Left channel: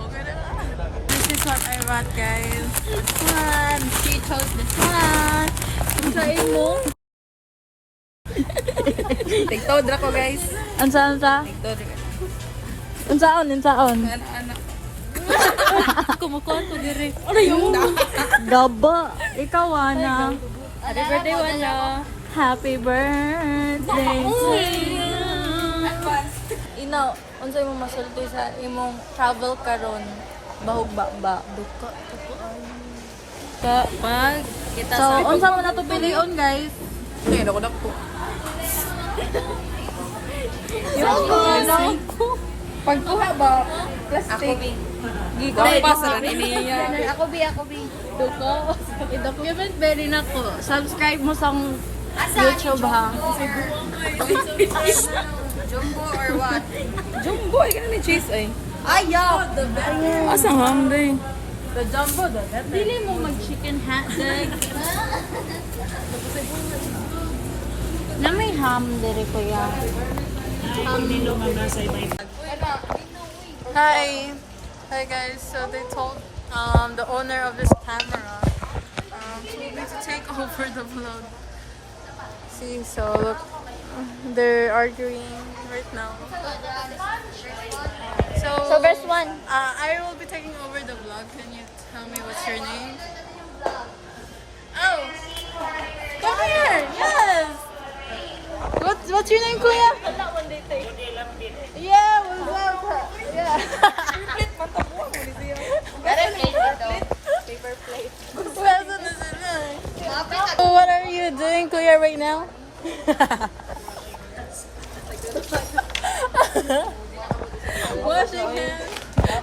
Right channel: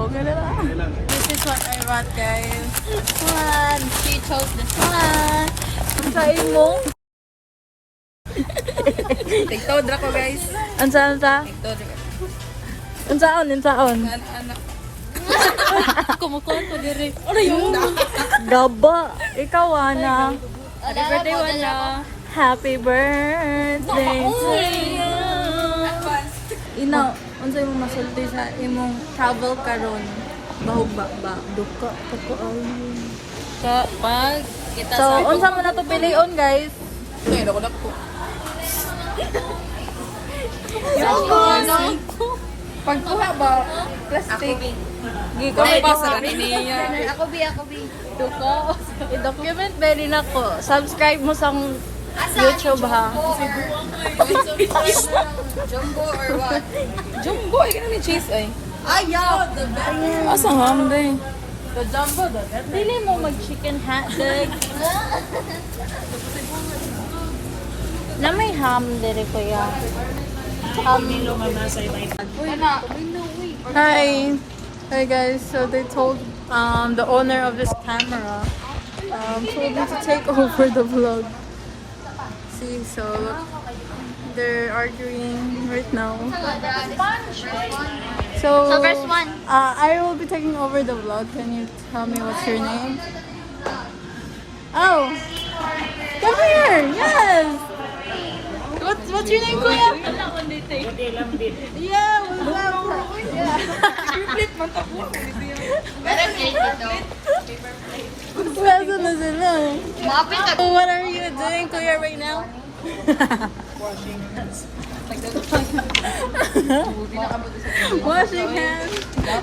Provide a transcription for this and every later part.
Okay na lang. This is what I got, guys. This one. She chose this one. Ang sain mo? Tigtawad ra ko, guys. Ansa? Tigtawad ra. Unsaon? Anak. Kumukuha ko dire. Gaba. Ikaw, Ana. Happy birthday, Wala. Happy birthday to you. Inaw, unsay mo masulti sa imong travel karon? Bahog ba? Duka ko ay. Pag kita So, unsa mo na to pilion, guys? Ngayon ako na po. Pagkuha ba? Plastic. Kami pa pa sa niya. Ako bi. I-document na din ako. Subscribe mo sa YouTube, ha? Jumbo or what? Jumbo, ikaw na cheese ay. Ayaw! Asang ham din. The jumbo da. Dili mo mag-chicken hotdog. Na may ham dire kuya. Hi. Hi guys. So they told the owner of this camera told me to take over the vlog. See, so they're arguing right now. So first one. I will be taking over the vlog. Can you tell me what's your name? Oh, come here. Yes. What's your name, Kuya? Yeah. Wala na sila. So what are you doing, Kuya, right now? Washing hands.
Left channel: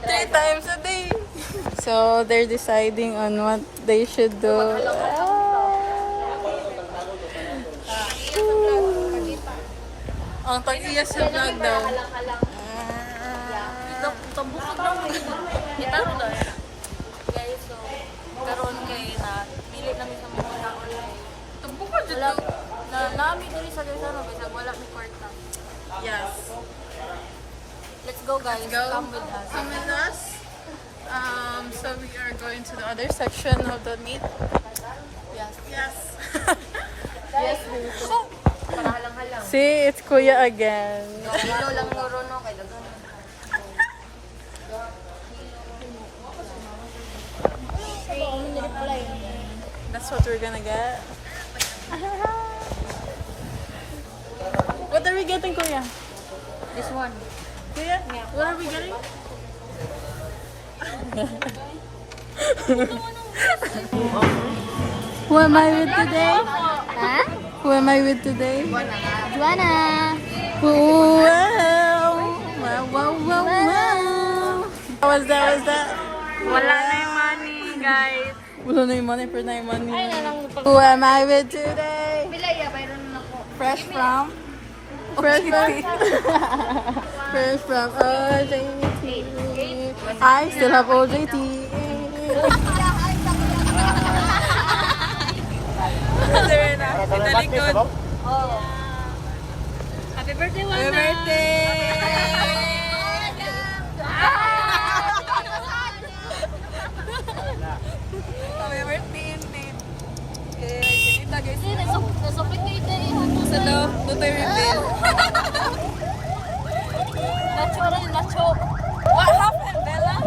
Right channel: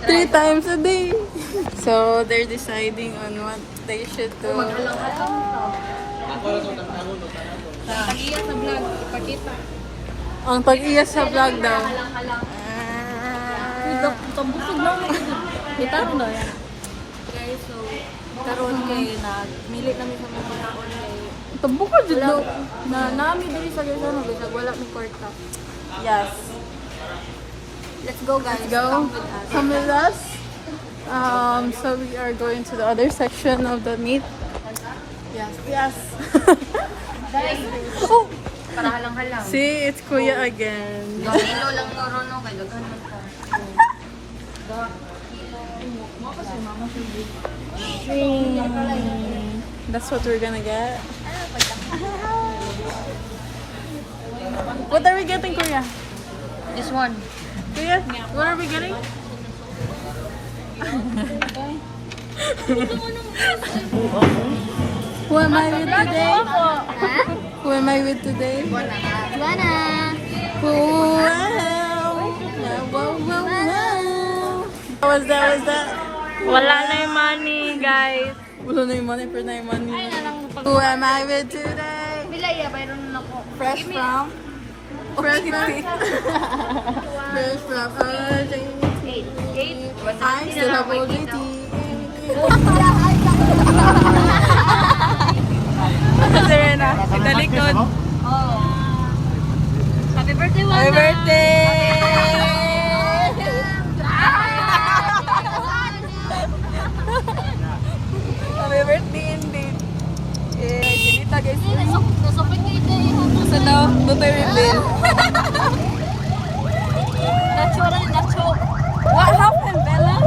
3 times a day. So they're deciding on what they should do. Tagiya sa vlog, ipakita. Ang pag-iya sa vlog na. Tambukog lang mo ito. Itarong daw yan. Guys, so, karon kay nagmilit namin sa mga pagkaon kay Tabukod dito. na nami diri sa Garzano bisag wala mi kwarta. Yes. Let's go guys. Go. Come with us. Come with us. So we are going to the other section of the meat. Yes. Yes. Oh, Para halang-halang. see, it's Kuya again. Mahilo lang no Rono kay daghan man ko. That's what we're gonna get. What are we getting, Kuya? This one. Kuya, what are we getting? Who am I with today? Ha? Who am I with today? Juana. Wow. What was that? Wala na yung money, guys. Wala na yung money, pero na yung money. Who am I with today? Dila iya bayron na ko. Fresh from OJT. I still have OJT. Serena, italikod. Happy birthday, Juana. Happy birthday! Happy birthday indeed. Yeah, kinita guys. Nasakit kayo tayo. Hello, good time with Bill. Nacho. What happened, Bella?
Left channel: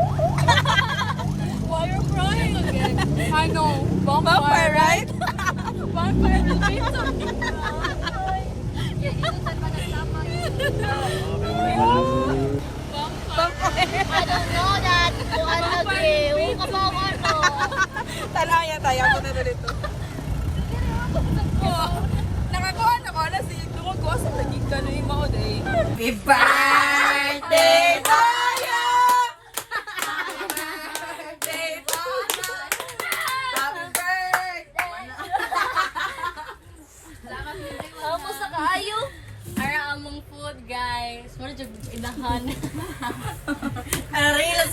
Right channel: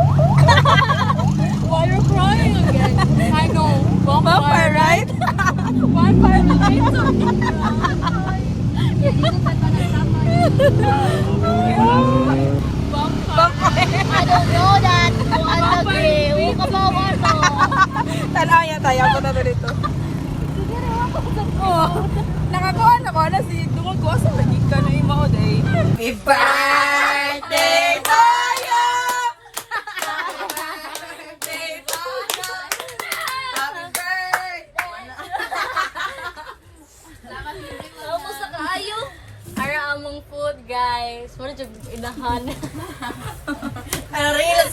Why are you crying again? I know. Vampire, right? Vampire right? I don't know that. I'm okay. Kabawa ko. Tanaw niya tayo. Ako na dito. Oh, nakakuha na ko na si Dumagwa sa nagika na yung mga day. Happy birthday to you! Happy birthday to you! Happy birthday! Ako sa kaayo. Ara among food, guys. Wala dyan inahan. Reels!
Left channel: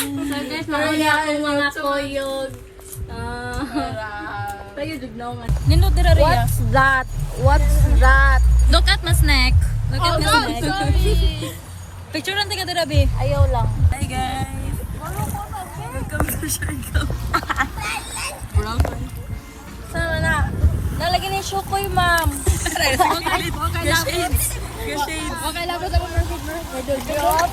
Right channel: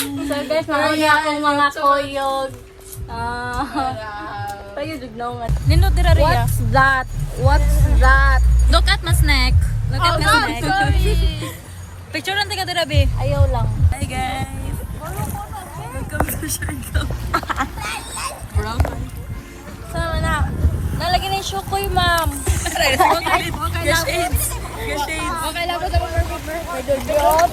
So, guys, marami akong mga koyog. Tayo, dignaw nga. Nino dira Ria. What's that? Look at my snack. Look at this neck. Picture lang tayo dito, be. Ayaw lang. Hi, guys. Welcome to Siargao. Sama na. Nalagyan na yung shukoy, ma'am. Okay lang ba sa perfect birthday? May dulyot.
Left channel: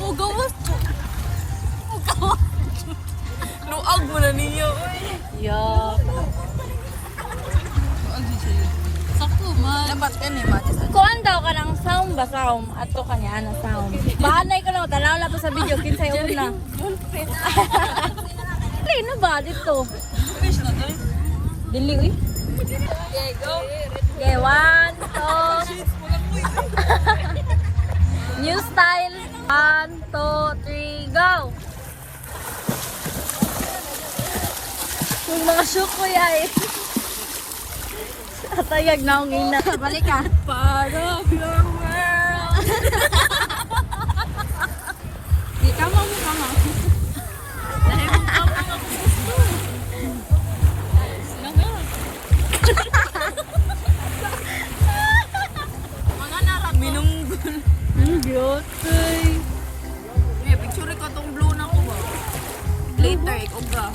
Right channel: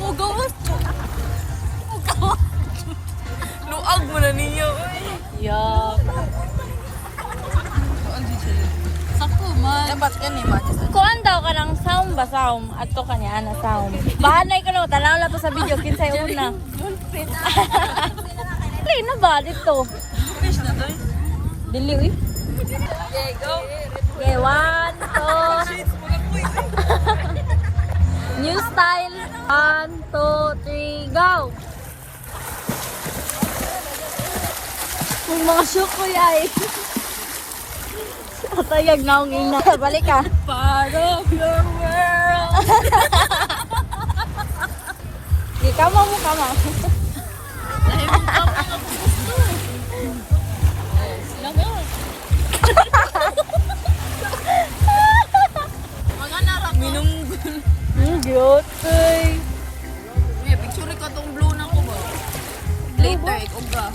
Mugawas ko. Luag mo na ninyo. Yeah. Sakto man. Dapat ka ni ma. Kuan daw ka ng sound ba sound? Ato ka niya na sound. Bahanay ko na, tanaw na to sa video. Kinsay una. Dili na ba dito? Fish na to. Dili, uy. Okay, go. Okay, 1, 2. New style. 1, 2, 3, go! Yung mga shukoy ay. Atayag na akong ina. Balik ka. Part of your world. Kama mo, kama. Mga narak minum. Cute. Eh, picture ko tong blue na ko ba? Later, ikaw ba?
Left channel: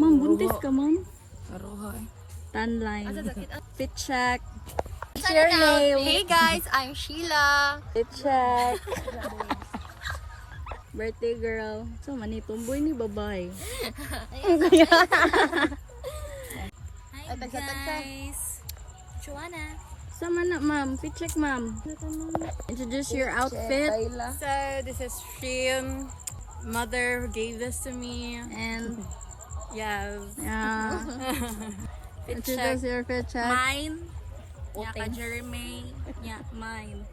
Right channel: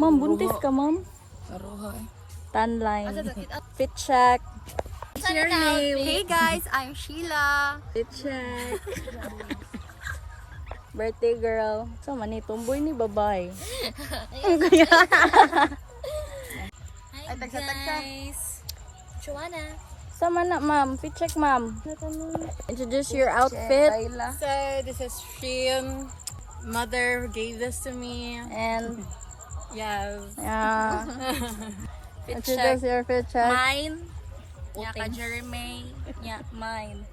Ma'am, buntis ka, ma'am? Karuhay. Tan line. Fit check. Hey guys, I'm Sheila. Fit check. Birthday girl. So, mani, tumboy ni babae. Hi guys. Joanna. Sama na, ma'am. Fit check, ma'am. Introduce your outfit. So this is Shein. Mother gave this to me. And, Yes. yeah. Introduce your fit check. Mine. Yeah, ka Jeremy. Yeah, mine.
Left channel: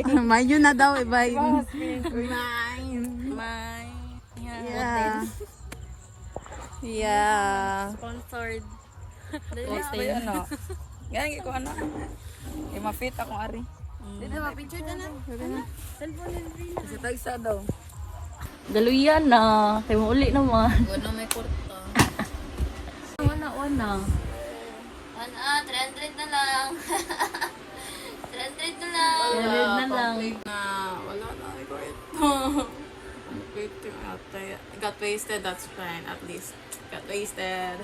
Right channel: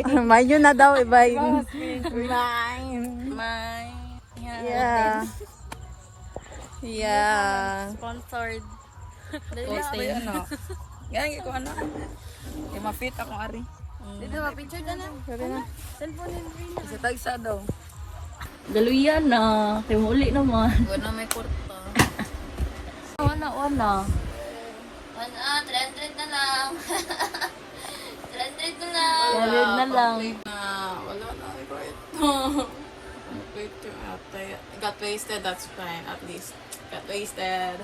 May yun na daw, iba yun. Mine. Yeah. Yeah. Sponsored. Posting. Ano? Ganyan ko ano. Yung ma-fit akong ari. Dito ma-picture ka na. Sa tag-side daw. Daluyan na. Kaya uli naman. Guna may kurta. Wana. 300 na lang. 300 na lang. Galing na lang. Wala na. Ikaw ito. Wait, got wasted. That's fine. At least got wasted.